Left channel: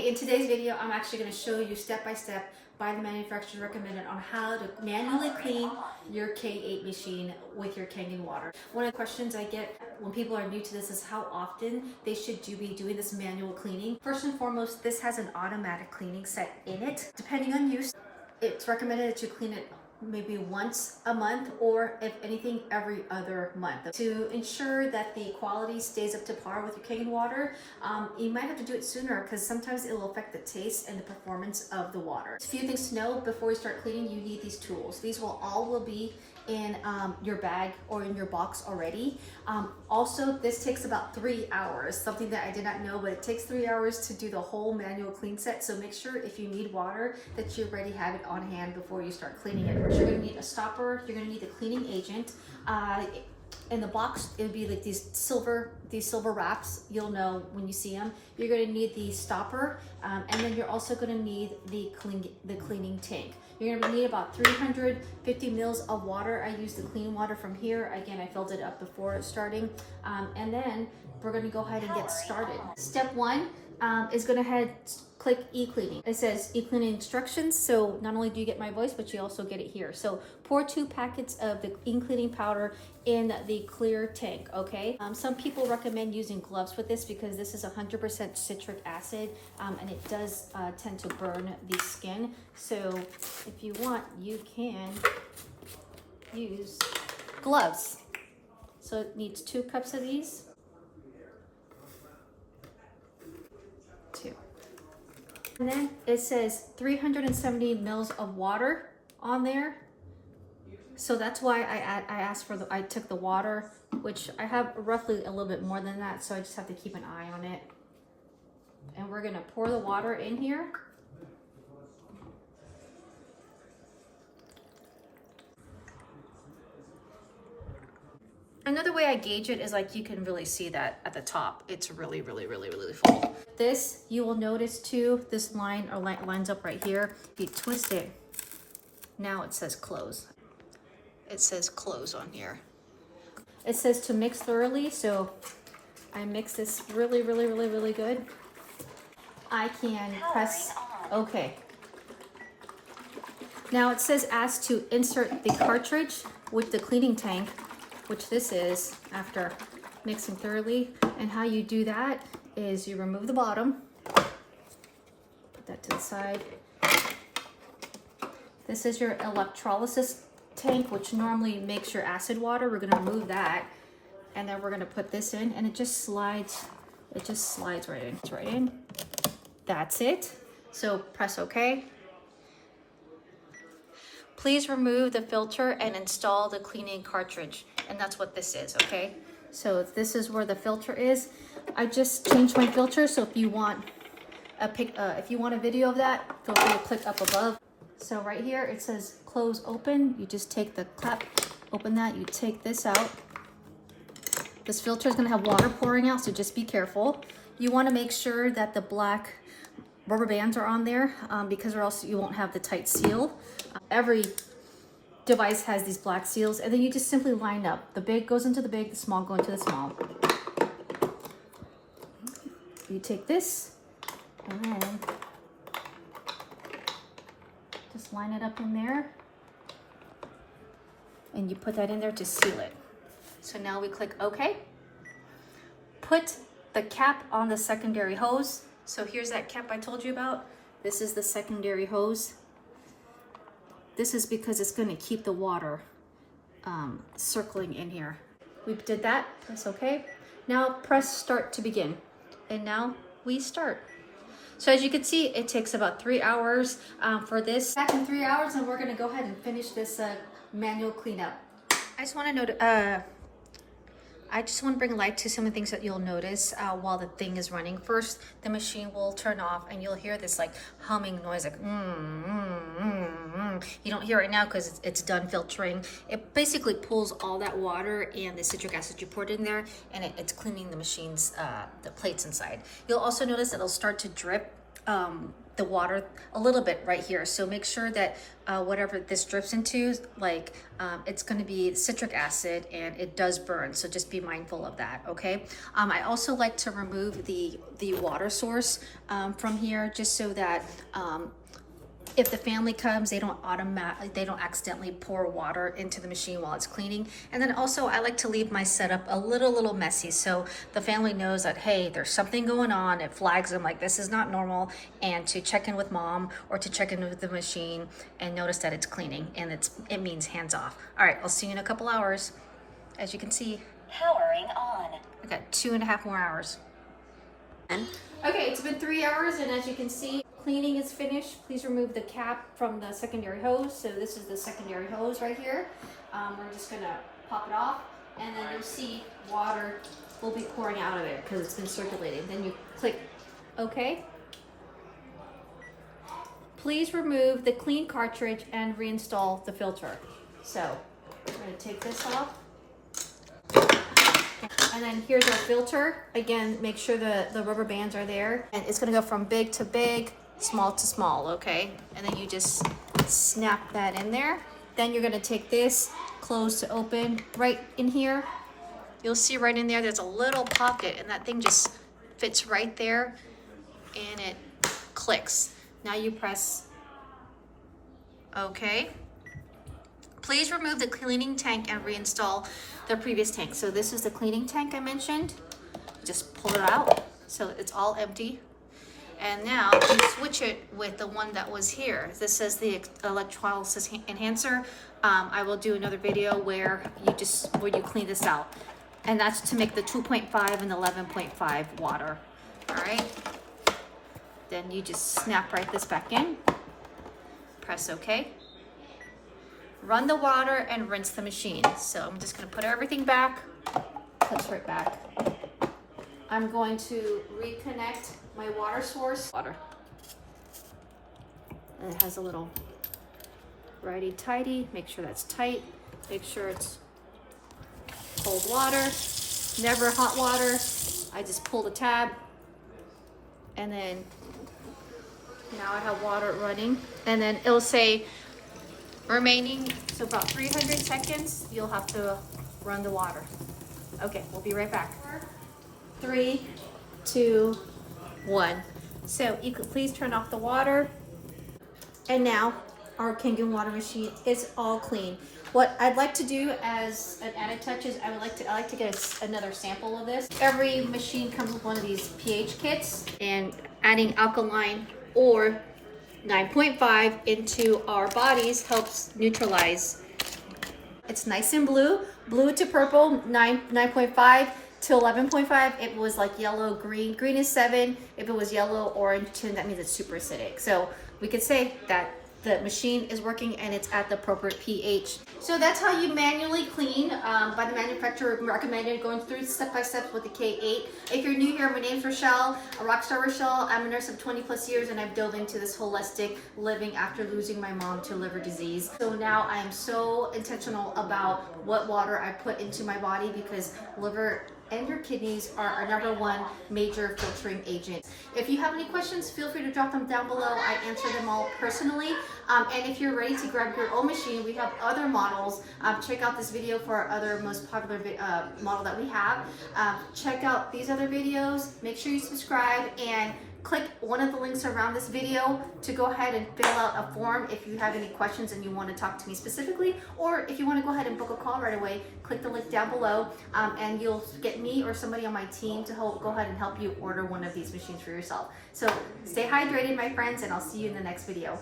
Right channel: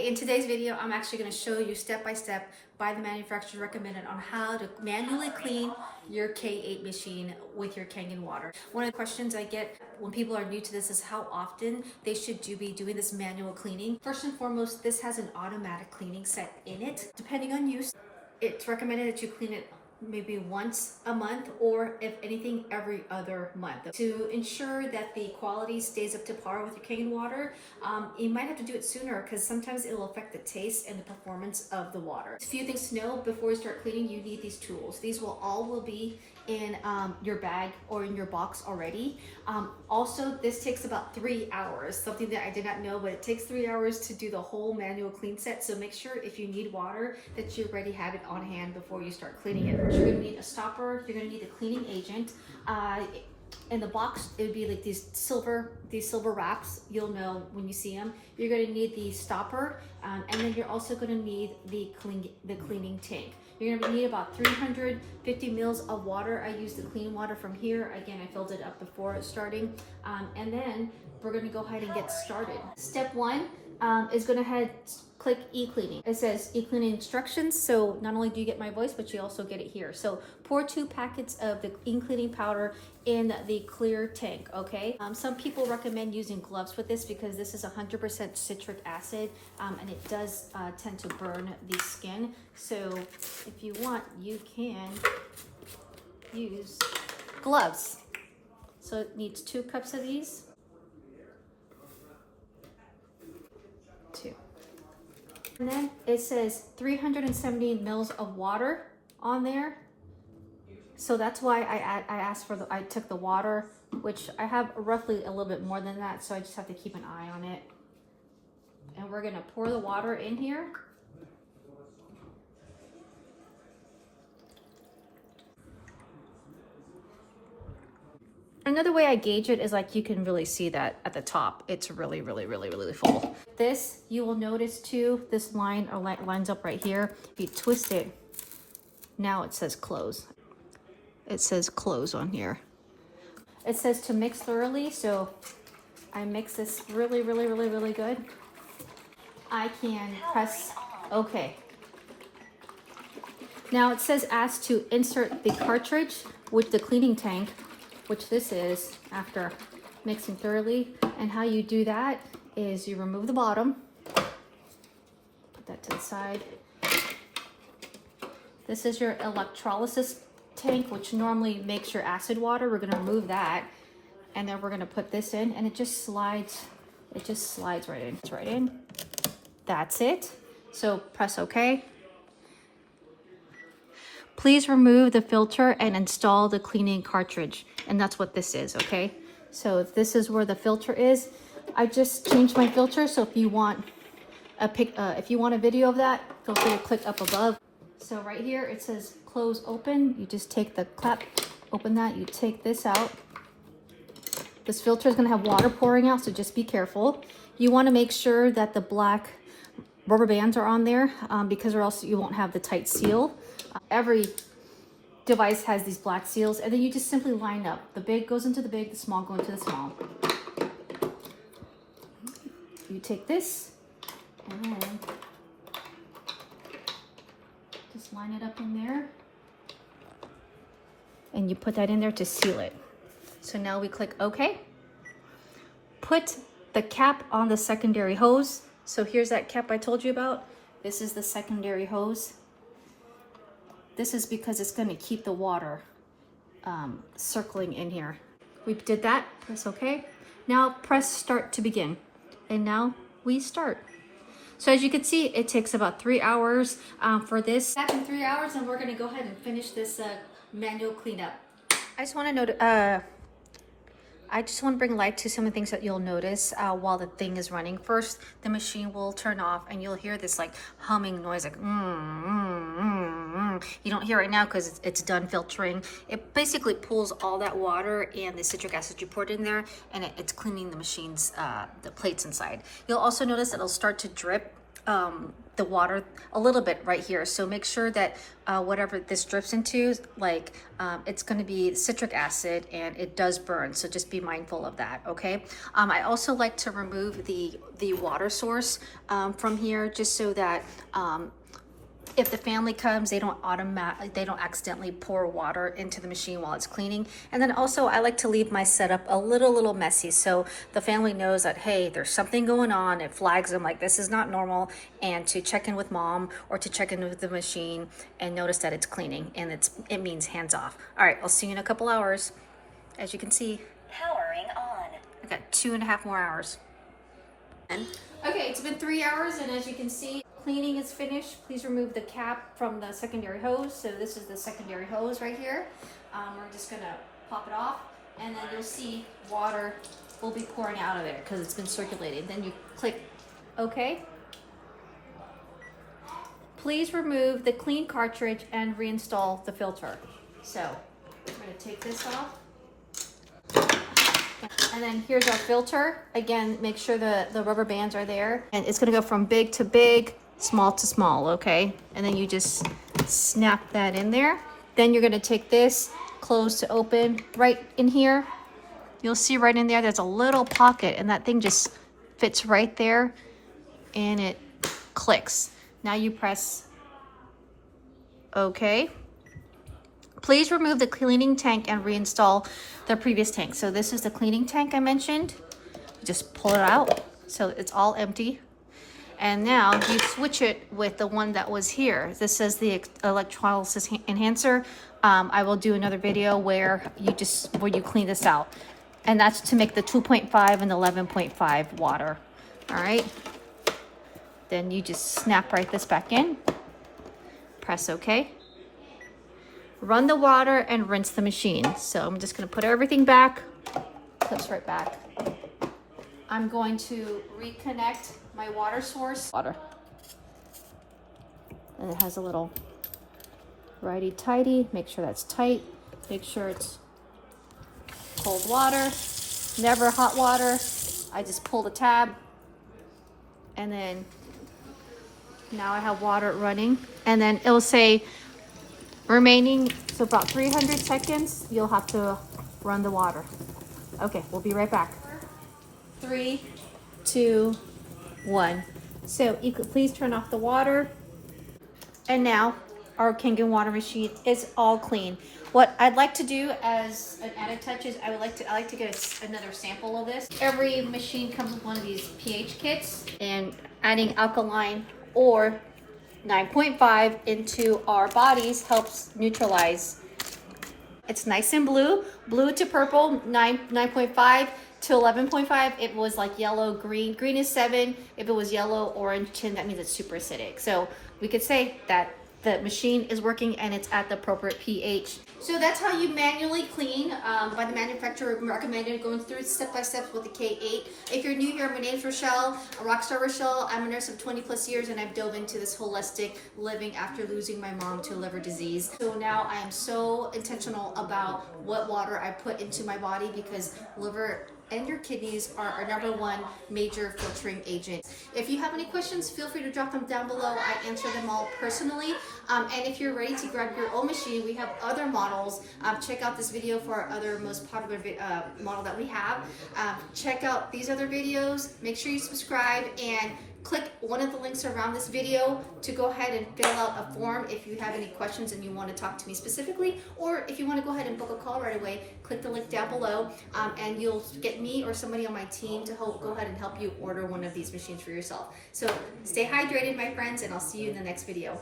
Hey, in today's video, I'm actually going to show you step by step by the manufacturer recommended on how to manually clean your K8 machine with your Kangen water. One of the questions I get when people are new to this is how often they should be doing this manual cleaning. First and foremost, this has an automatic cleaning set in it. Depending on use, it's recommended that you clean it maybe once a month, or if anything, every other month. To ensure that the quality stays up to par with your Kangen water, you might have to do it sooner because sometimes it will affect the taste and the performance of the water. A few things to know before you start cleaning: you need these tools. These will be in your bag or in your box already. Also, this takes about 3 hours, something that I did not know, but it takes 3 hours to do the whole manual clean set. So make sure if you need water that you already have it on hand before you start cleaning it. You're gonna need a stopper, you're gonna need the cleaning agent. In the box, it would be like these silver wraps. You'll know when you see them. You're going to need the stopper, and then you're also going to need the cleaning tank. You're going to need about 350 mils of water. I used the clean water from here. Again, I filled it up before starting, and then we're going to go ahead and get started. Step one is going to click e-cleaning. It says e-cleaning instructions. So not only do you get my voice, but you also get it here. So pour 2 packets of the e-cleaning powder in the clear tank, okay? Some people recommend using gloves with this because this is 100% citric acid, and it does tend to burn the skin. So if you want, you can use gloves. So it needs 2 cups of these. 2. And then it says 370 mils of water on there. So that's why I took the water, which I have roughly a little bit more than that. So I just have to keep an eye on it. And we're gonna pour the water in here. Another way I gauge it is like you can really see that at the top, it's really full. This, you will notice too, this line or lines up right here. You twist it. Now it says close. It says close on here. It says to mix thoroughly, so I mix this really good. I can press OK. Now it says ask to insert the cartridge with the cleaning tank, which this is after mixing thoroughly. And how you do that is you remove the bottom, put that to the side. This is your electrolysis tank, which normally makes your acid water. We're going to remove that, and then we're going to put this in, and it just slides right in. It's right in. That's it. So press OK. Please remove the filter and install the cleaning cartridge. And that's what this is, okay? So this is where the filter is. I just changed my filter, so if you want a video of that, feel free to click up above. So right here it says close open. You just take the cap, open that, you take this out. This filter is gonna have water pouring out, so just be careful. You wanna make sure that the black rubber bands are on there because or else you won't have the tight seal. Every device has these black seals, and then you just simply line up. The big goes into the big, the small go into the small. You take this and then just line it up in there, and you put that in there to seal it. So now we click OK. Put the cap on the secondary hose. So here's that cap I told you about. This is the secondary hose. This is because it's going to keep the water circling in here. We did that. Press OK. Now press start to begin. And now we start. So as you can see, it takes about 3 hours for this. Back in 3 hours, and we're going to go ahead and finish this manual cleanup. I just want to bring light to some of the things that you'll notice while the thing is running. First, the machine will turn off, and you'll hear this like humming noise, like You don't hear it now because it's done filtering. It basically pulls all that water and the citric acid you poured in there, and it's cleaning the machine's the plates inside. You'll also notice that it'll start to drip the water a little bit right here. So make sure that whatever this drips into, like it's going to be citric acid and it does burn. So just be mindful of that. Okay. I also like to remove the water source from here, just so that if the family comes, they don't accidentally pour water into the machine while it's cleaning. And then also I like to leave my setup a little messy, so the family knows that, hey, there's something going on. It flags them like this is not normal, and to check in with mom or to check in with the machine and notice that it's cleaning, and it means hands off. All right, I'll see you in a couple hours. As you can see, powering on. I got 2.5 more hours. Okay, it's been 3 hours, and as you can see, cleaning is finished. Please remove the cap from the secondary hose. So this is the secondary hose right here. We're just gonna pop it off, and then you'll see water will be pouring out of there because it's been circulating. Then you click OK. Please remove the clean cartridge and reinstall the filter. So we're gonna take this off. And then here's our filter. Again, make sure the rubber bands are there. And it's gonna go from big to big, small to small, okay? And then you just snap that in there. Then you're gonna take this, close to open, right in here. You'll see right in there, there's a little pocket, and that thing just fits right there, and it clicks. Now you press OK. Please remove the cleaning tank and reinstall the previous tank. So this is the cleaning tank I mentioned. Just pull it out so it's all empty. And now you switch it with the one that was here. This is the electrolysis enhancer. I will do another video where you clean this out. And that's to make the 2.5 and 11.5 water. All right. Then you just snap right this back in. Press OK. Run the water and rinse the machine. So I'm just gonna put everything back, clips right back. I'm going to reconnect my water source. Water. And it has a little righty-tighty. Make sure that's tight. Make sure it's cold water, never hot water. I just pull the tab, and then now I have water running. And then it'll say remaining, so about 300 seconds, you'll have to run the water. Okay, we'll be right back. 3, 2, 1. So you could please turn off the water. And now our Kangen water machine is all clean. What I'd like to do as an added touch is I like to get another sample of this. Every machine comes with one of these pH kits, and adding alkaline or 9.5 into our bodies helps neutralize. It's nice and blue to purple, 9.5 to 11.5. It was like yellow, green. Green is 7. If it was yellow, orange, 10, that means it's super acidic. So we could say that the machine is working and it's at the appropriate pH. So that's how you manually clean by the manufacturer, recommended, going through step by step with the K8. If you're new here, my name's Rochelle, a Rockstar Rochelle. I'm a nurse of 20+ years, and I've dove into this holistic living after losing my mom to liver disease. So now I am so intentional about what water I put into my body, because liver and your kidneys are our #1 major filtering agent. If you have any questions, feel free to drop them down below. I answer them all personally. And if you're ready to grab your own machine, we have other models. Check out this video for our other most popular model that we have. Check out these other videos. Make sure you subscribe and click one of the links around this video to go ahead and fill out a form if you have any questions and you want to talk to me specifically, or if you want to go ahead and book a call right away, click the link down below, and you'll get me or somebody on my team to go ahead and help you order one of these machines for yourself. So stay hydrated, my friends, and I'll see you in the next video.